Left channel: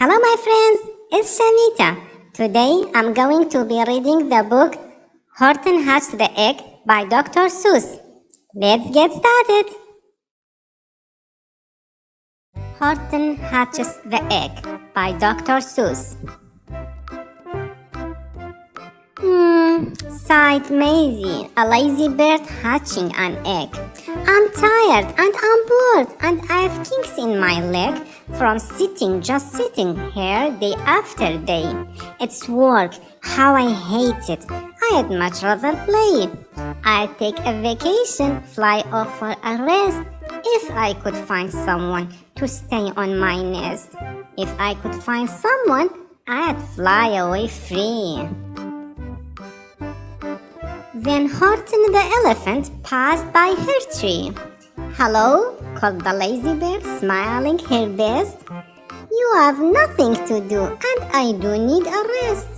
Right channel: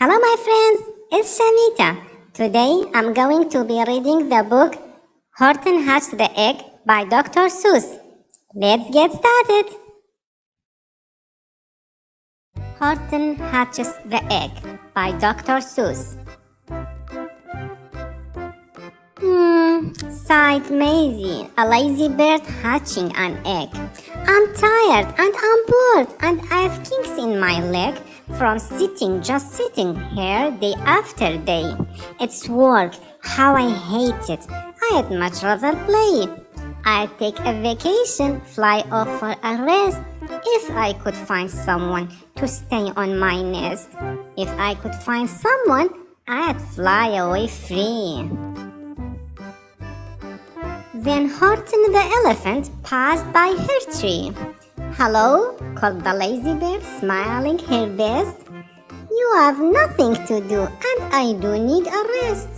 Hello my friends, it's Shamita. Today I'm going to be reading the book Horton Hatches the Egg by Dr. Seuss. Let's get started. Horton Hatches the Egg by Dr. Seuss. Sighed Mayzie, a lazy bird hatching an egg. I'm tired and I'm bored and I have kinks in my leg from just sitting here day after day. It's work, how I hate it. I'd much rather play. I'd take a vacation, fly off for a rest, if I could find someone to stay on my nest. If I could find someone, I'd fly away free. Then Horton the elephant passed by her tree. Hello, called the lazy bird, smiling her best. You have nothing to do and I do need a rest.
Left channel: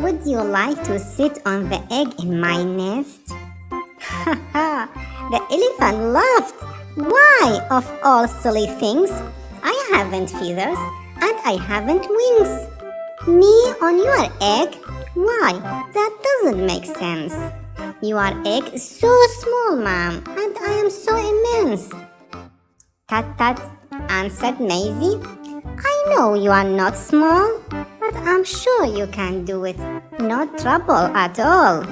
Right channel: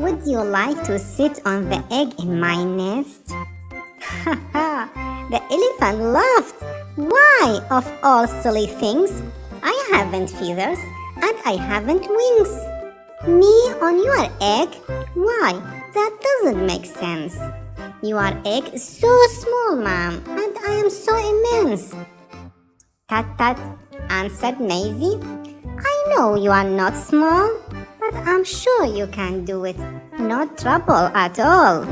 Would you like to sit on the egg in my nest? Ha ha, the elephant laughed. Why, of all silly things, I haven't feathers and I haven't wings. Me on your egg? Why, that doesn't make sense. Your egg is so small, ma'am, and I am so immense. Tut tut, answered Mayzie. I know you are not small, but I'm sure you can do it. No trouble at all.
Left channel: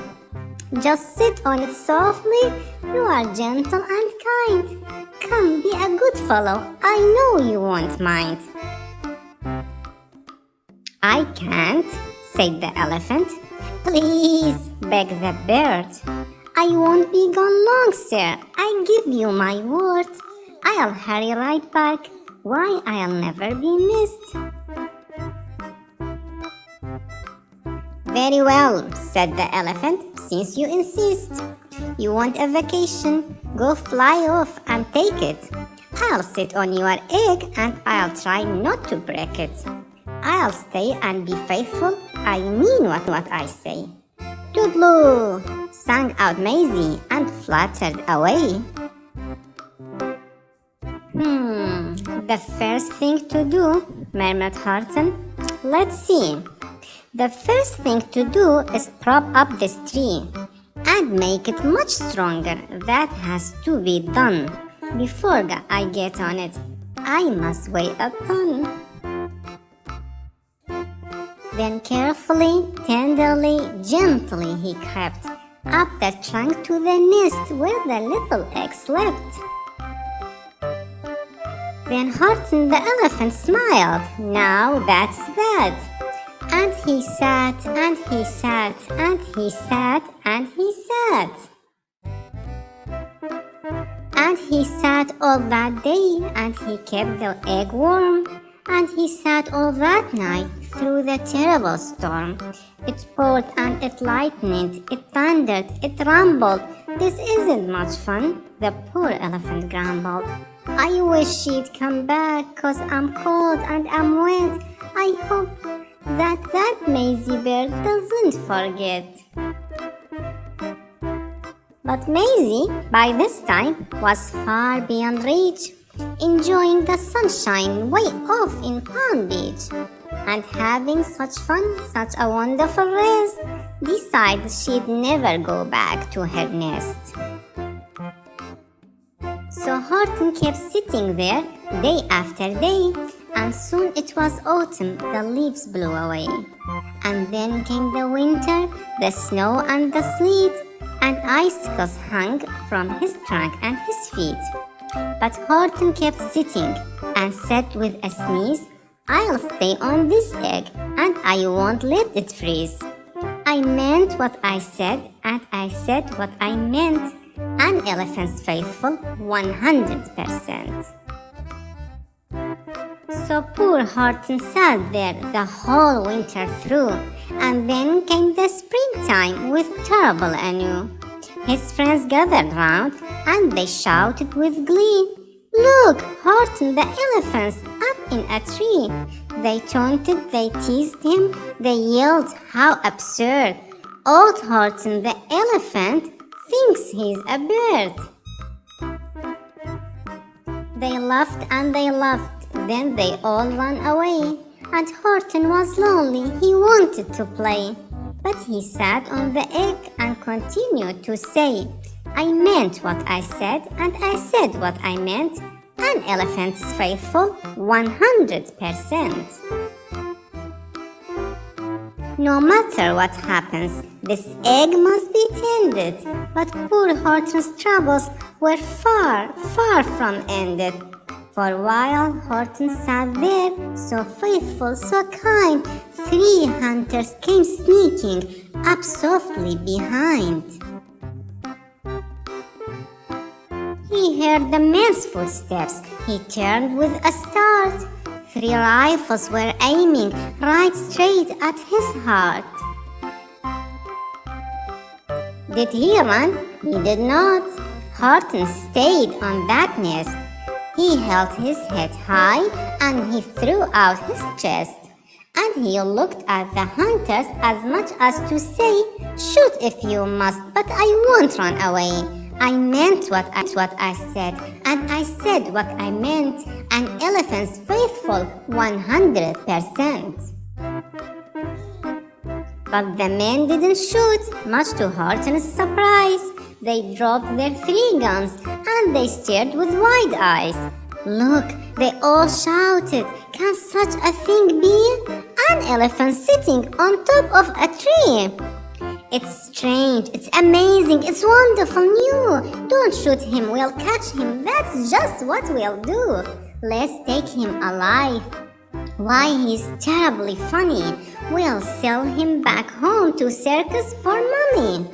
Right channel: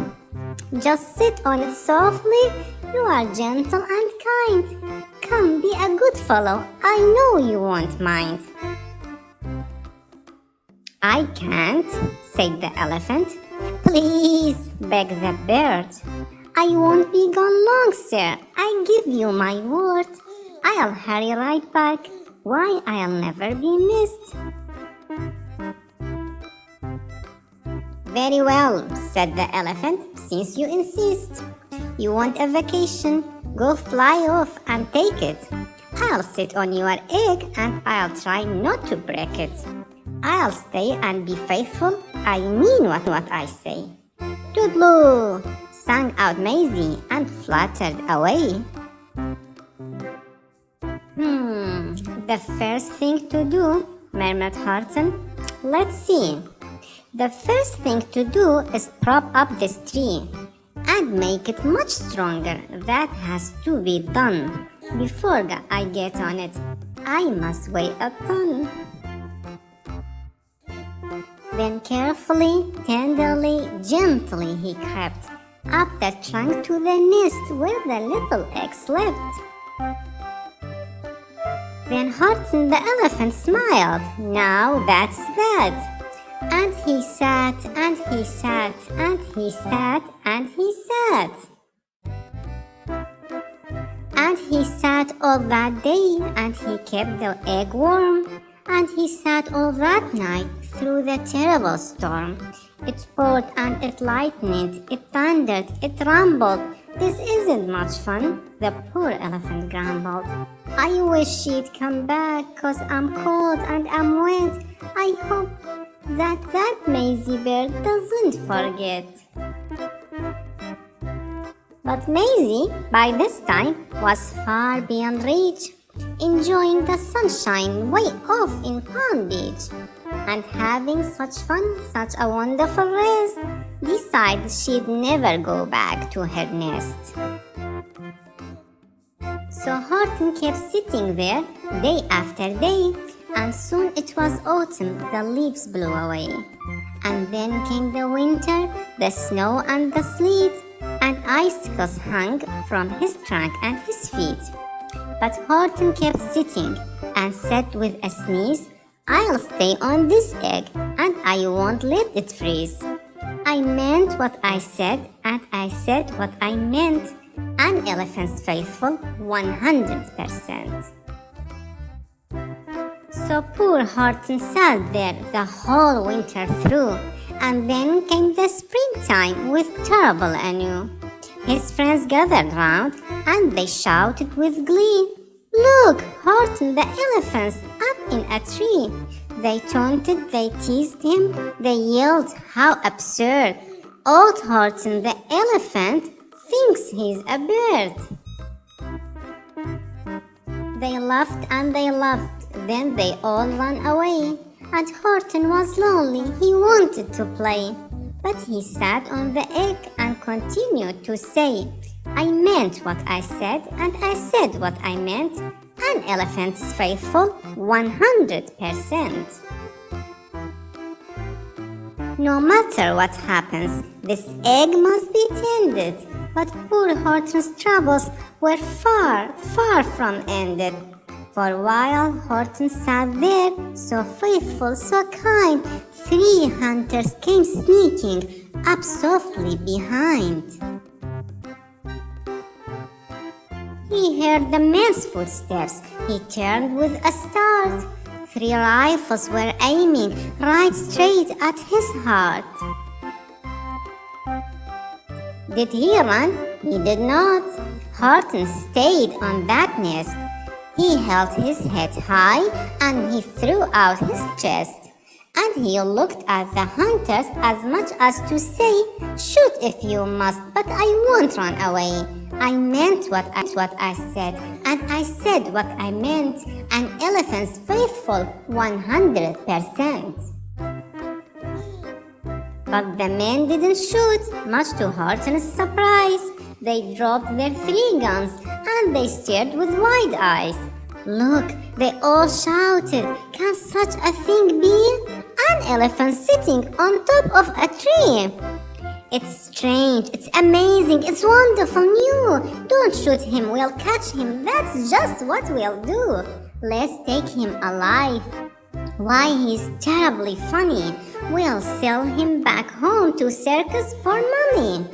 Just sit on it softly. You are gentle and kind. Come, be a good fellow. I know you won't mind. I can't, said the elephant. Please, begged the bird. I won't be gone long, sir. I give you my word. I'll hurry right back. Why, I'll never be missed. Very well, said the elephant, since you insist. You want a vacation? Go fly off and take it. I'll sit on your egg and I'll try not to break it. I'll stay and be faithful. I mean what I say. Toodaloo, sang out Mayzie and fluttered away. The first thing to do, murmured Horton. Let's see. The first thing to do is prop up this tree and make it much stronger. That has to be done. Before I get on it, I must weigh a ton. Then carefully, tenderly, gently he crept up the trunk to the nest where the little egg slept. Then Horton the elephant smiled. Now that's that. And he sat, and he sat, and he sat, and he sat. And he sat all that day, and he kept the egg warm. And he sat all that night through the terrible storm. It poured and it lightened, it thundered, it rumbled. This isn't much fun, the poor elephant grumbled. I wish she'd come back, 'cause I'm cold and I'm wet. I hope that Mayzie bird doesn't forget. But Mayzie, by this time, was far beyond reach, enjoying the sunshine way off in Palm Beach, and having such fun, such a wonderful rest, decided she'd never go back to her nest. So Horton kept sitting there day after day, and soon it was autumn, the leaves blew away. And then came the winter, the snow and the sleet, and icicles hung from his trunk and his feet. But Horton kept sitting and said with a sneeze, I'll stay on this egg and I won't let it freeze. I meant what I said and I said what I meant. An elephant's faithful 100%. So poor Horton sat there the whole winter through, and then came the springtime with terrible anew. His friends gathered round, and they shouted with glee, Look, Horton the elephant's up in a tree. They taunted, they teased him, they yelled, how absurd. Old Horton the elephant thinks he's a bird. They laughed and they laughed. Then they all ran away, and Horton was lonely. He wanted to play. But he sat on the egg and continued to say, I meant what I said, and I said what I meant. An elephant's faithful 100%. No matter what happens, this egg must be tended. But poor Horton's troubles were far, far from ended. For a while, Horton sat there, so faithful, so kind. 3 hunters came sneaking up softly behind. He heard the men's footsteps. He turned with a start. 3 rifles were aiming right straight at his heart. Did he run? He did not. Horton stayed on that nest. He held his head high and he threw out his chest. And he looked at the hunters as much as to say, shoot if you must, but I won't run away. I meant what I said, and I said what I meant. An elephant's faithful 100%. But the men didn't shoot, much to Horton's surprise. They dropped their 3 guns and they stared with wide eyes. Look, they all shouted, can such a thing be? An elephant sitting on top of a tree. It's strange, it's amazing, it's wonderful new. Don't shoot him, we'll catch him, that's just what we'll do. Let's take him alive. Why, he's terribly funny. We'll sell him back home to circus for money.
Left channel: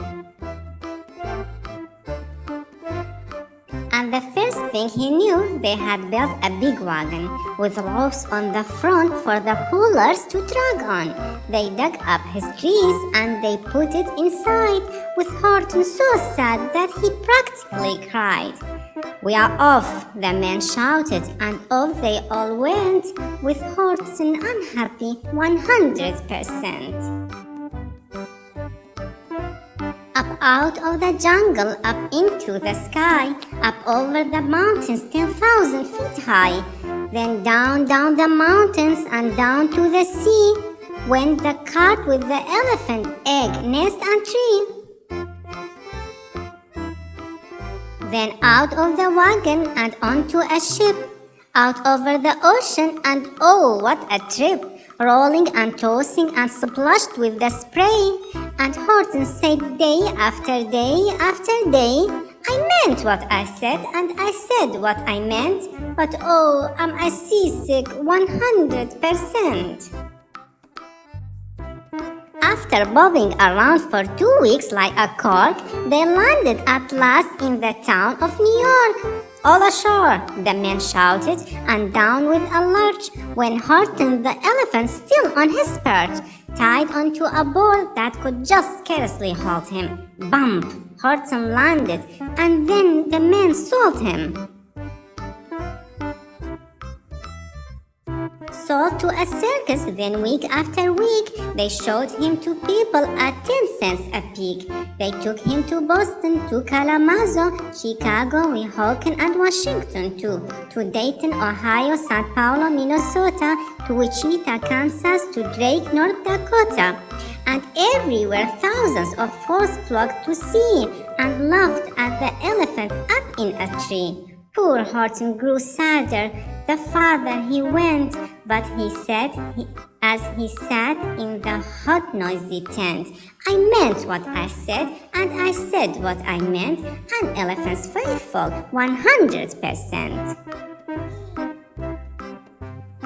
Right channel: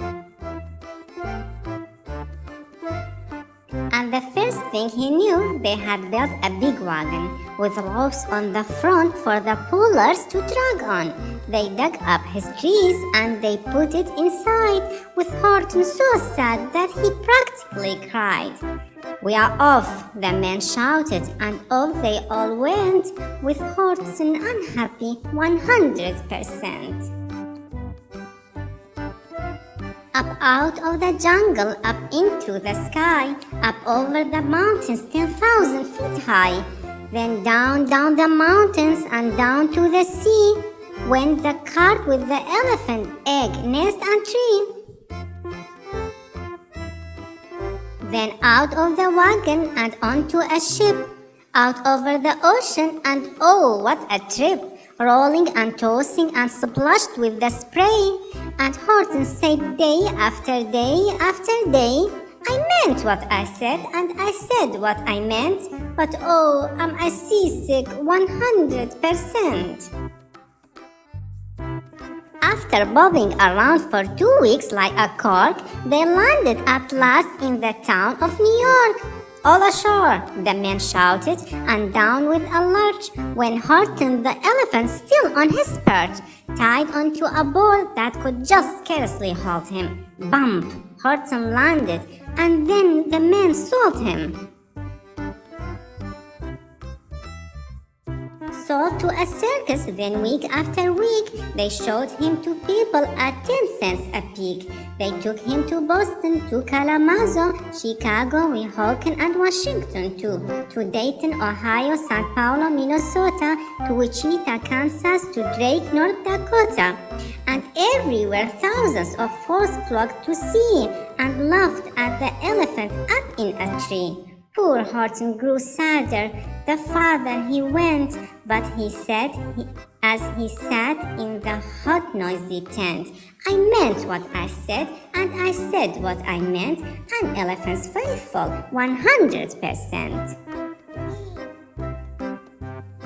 And the first thing he knew, they had built a big wagon with ropes on the front for the pullers to drag on. They dug up his trees and they put it inside, with Horton so sad that he practically cried. We are off, the men shouted, and off they all went, with Horton unhappy 100%. Up out of the jungle, up into the sky, up over the mountains 10,000 feet high. Then down the mountains and down to the sea went the cart with the elephant, egg, nest and tree. Then out of the wagon and onto a ship, out over the ocean, and oh, what a trip! Rolling and tossing and splashed with the spray. And Horton said day after day after day, I meant what I said and I said what I meant, but oh, am I seasick 100%. After bobbing around for 2 weeks like a cork, they landed at last in the town of New York. All ashore, the men shouted, and down with a lurch when Horton the elephant, still on his perch, tied onto a board that could just scarcely hold him. Bump! Horton landed, and then the men sold him. Sold to a circus, then week after week, they showed him to people at 10 cents a peek. They took him to Boston, to Kalamazoo, Chicago, Weehawken, and Washington too, to Dayton, Ohio, St. Paulo, Minnesota, to Wichita, Kansas, to Drake, North Dakota. And everywhere thousands of folks flocked to see and laughed at the elephant up in a tree. Poor Horton grew sadder the farther he went, but he said, as he sat in the hot, noisy tent, I meant what I said, and I said what I meant, an elephant's faithful 100%.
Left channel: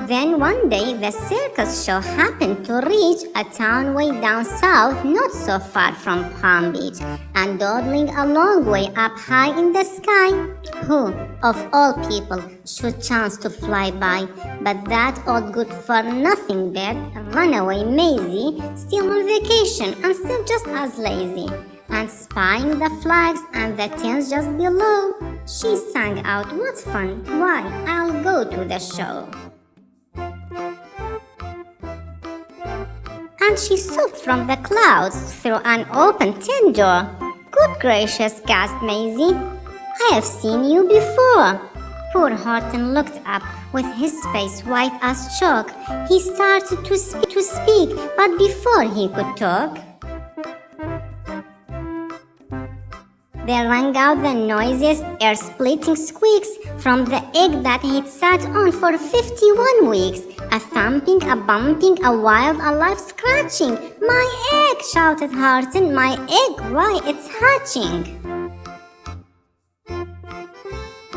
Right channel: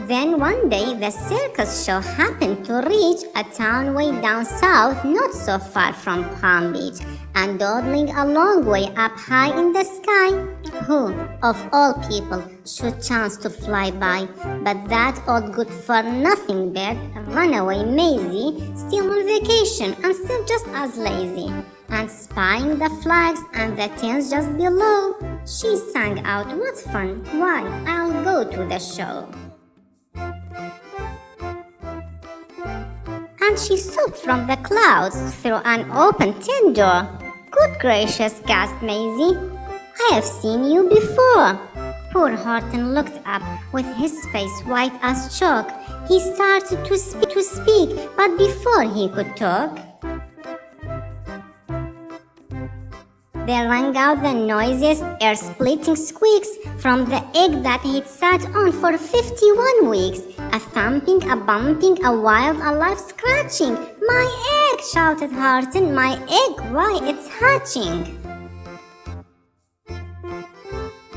Then one day the circus show happened to reach a town way down south, not so far from Palm Beach, and dawdling a long way up high in the sky. Who, of all people, should chance to fly by but that old good-for-nothing bird, runaway Mayzie, still on vacation and still just as lazy. And spying the flags and the tents just below, she sang out, what fun, why, I'll go to the show. And she swooped from the clouds through an open tent door. Good gracious, gasped Mayzie, I have seen you before. Who poor Horton looked up with his face white as chalk. He started to speak, but before he could talk, there rang out the noisiest, ear-splitting squeaks from the egg that he'd sat on for 51 weeks. A thumping, a bumping, a wild, a loud scratching. "My egg!" shouted Horton. "My egg! Why, it's hatching!"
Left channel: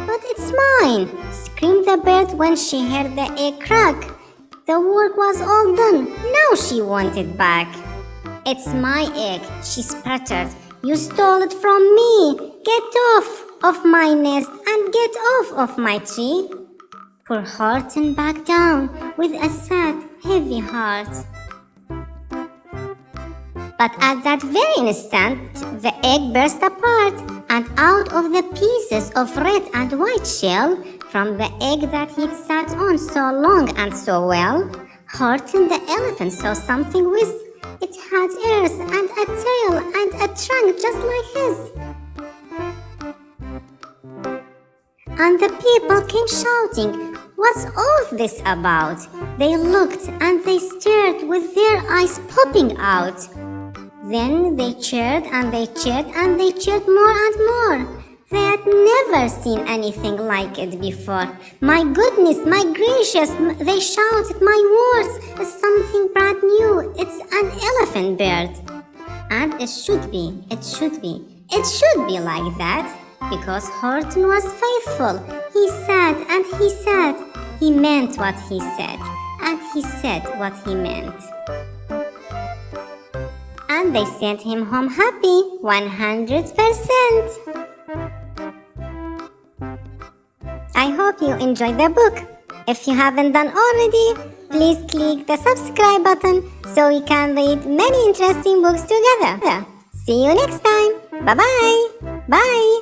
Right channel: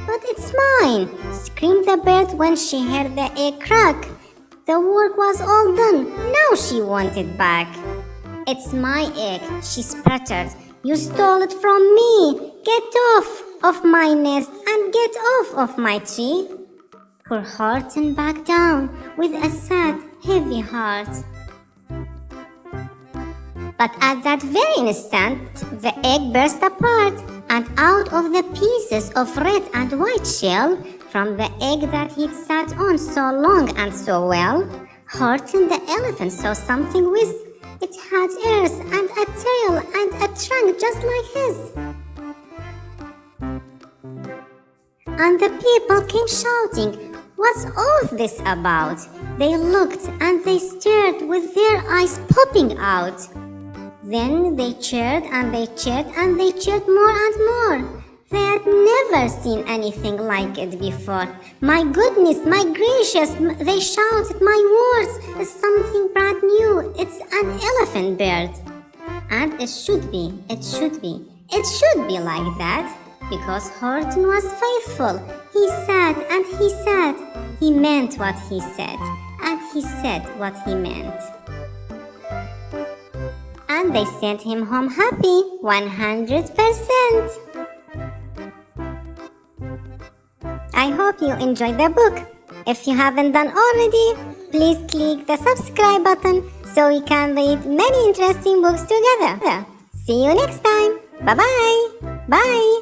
"But it's mine!" screamed the bird when she heard the egg crack. The work was all done. Now she wanted back. "It's my egg," she sputtered. "You stole it from me! Get off of my nest and get off of my tree!" Poor Horton backed down with a sad, heavy heart. But at that very instant, the egg burst apart, and out of the pieces of red and white shell, from the egg that he'd sat on so long and so well, Horton the elephant saw something with it had ears and a tail and a trunk just like his. And the people came shouting, "What's all this about?" They looked and they stared with their eyes popping out. Then they cheered and they cheered and they cheered more and more. They had never seen anything like it before. "My goodness, my gracious," they shouted, "my words, something brand new. It's an elephant bird." And it should be like that, because Horton was faithful. He said and he said. He meant what he said, and he said what he meant. And they sent him home happy, 100%. I hope you enjoyed the book. If you haven't done already, please click the subscribe button so we can read many interesting books together. See you next time. Bye-bye. Bye.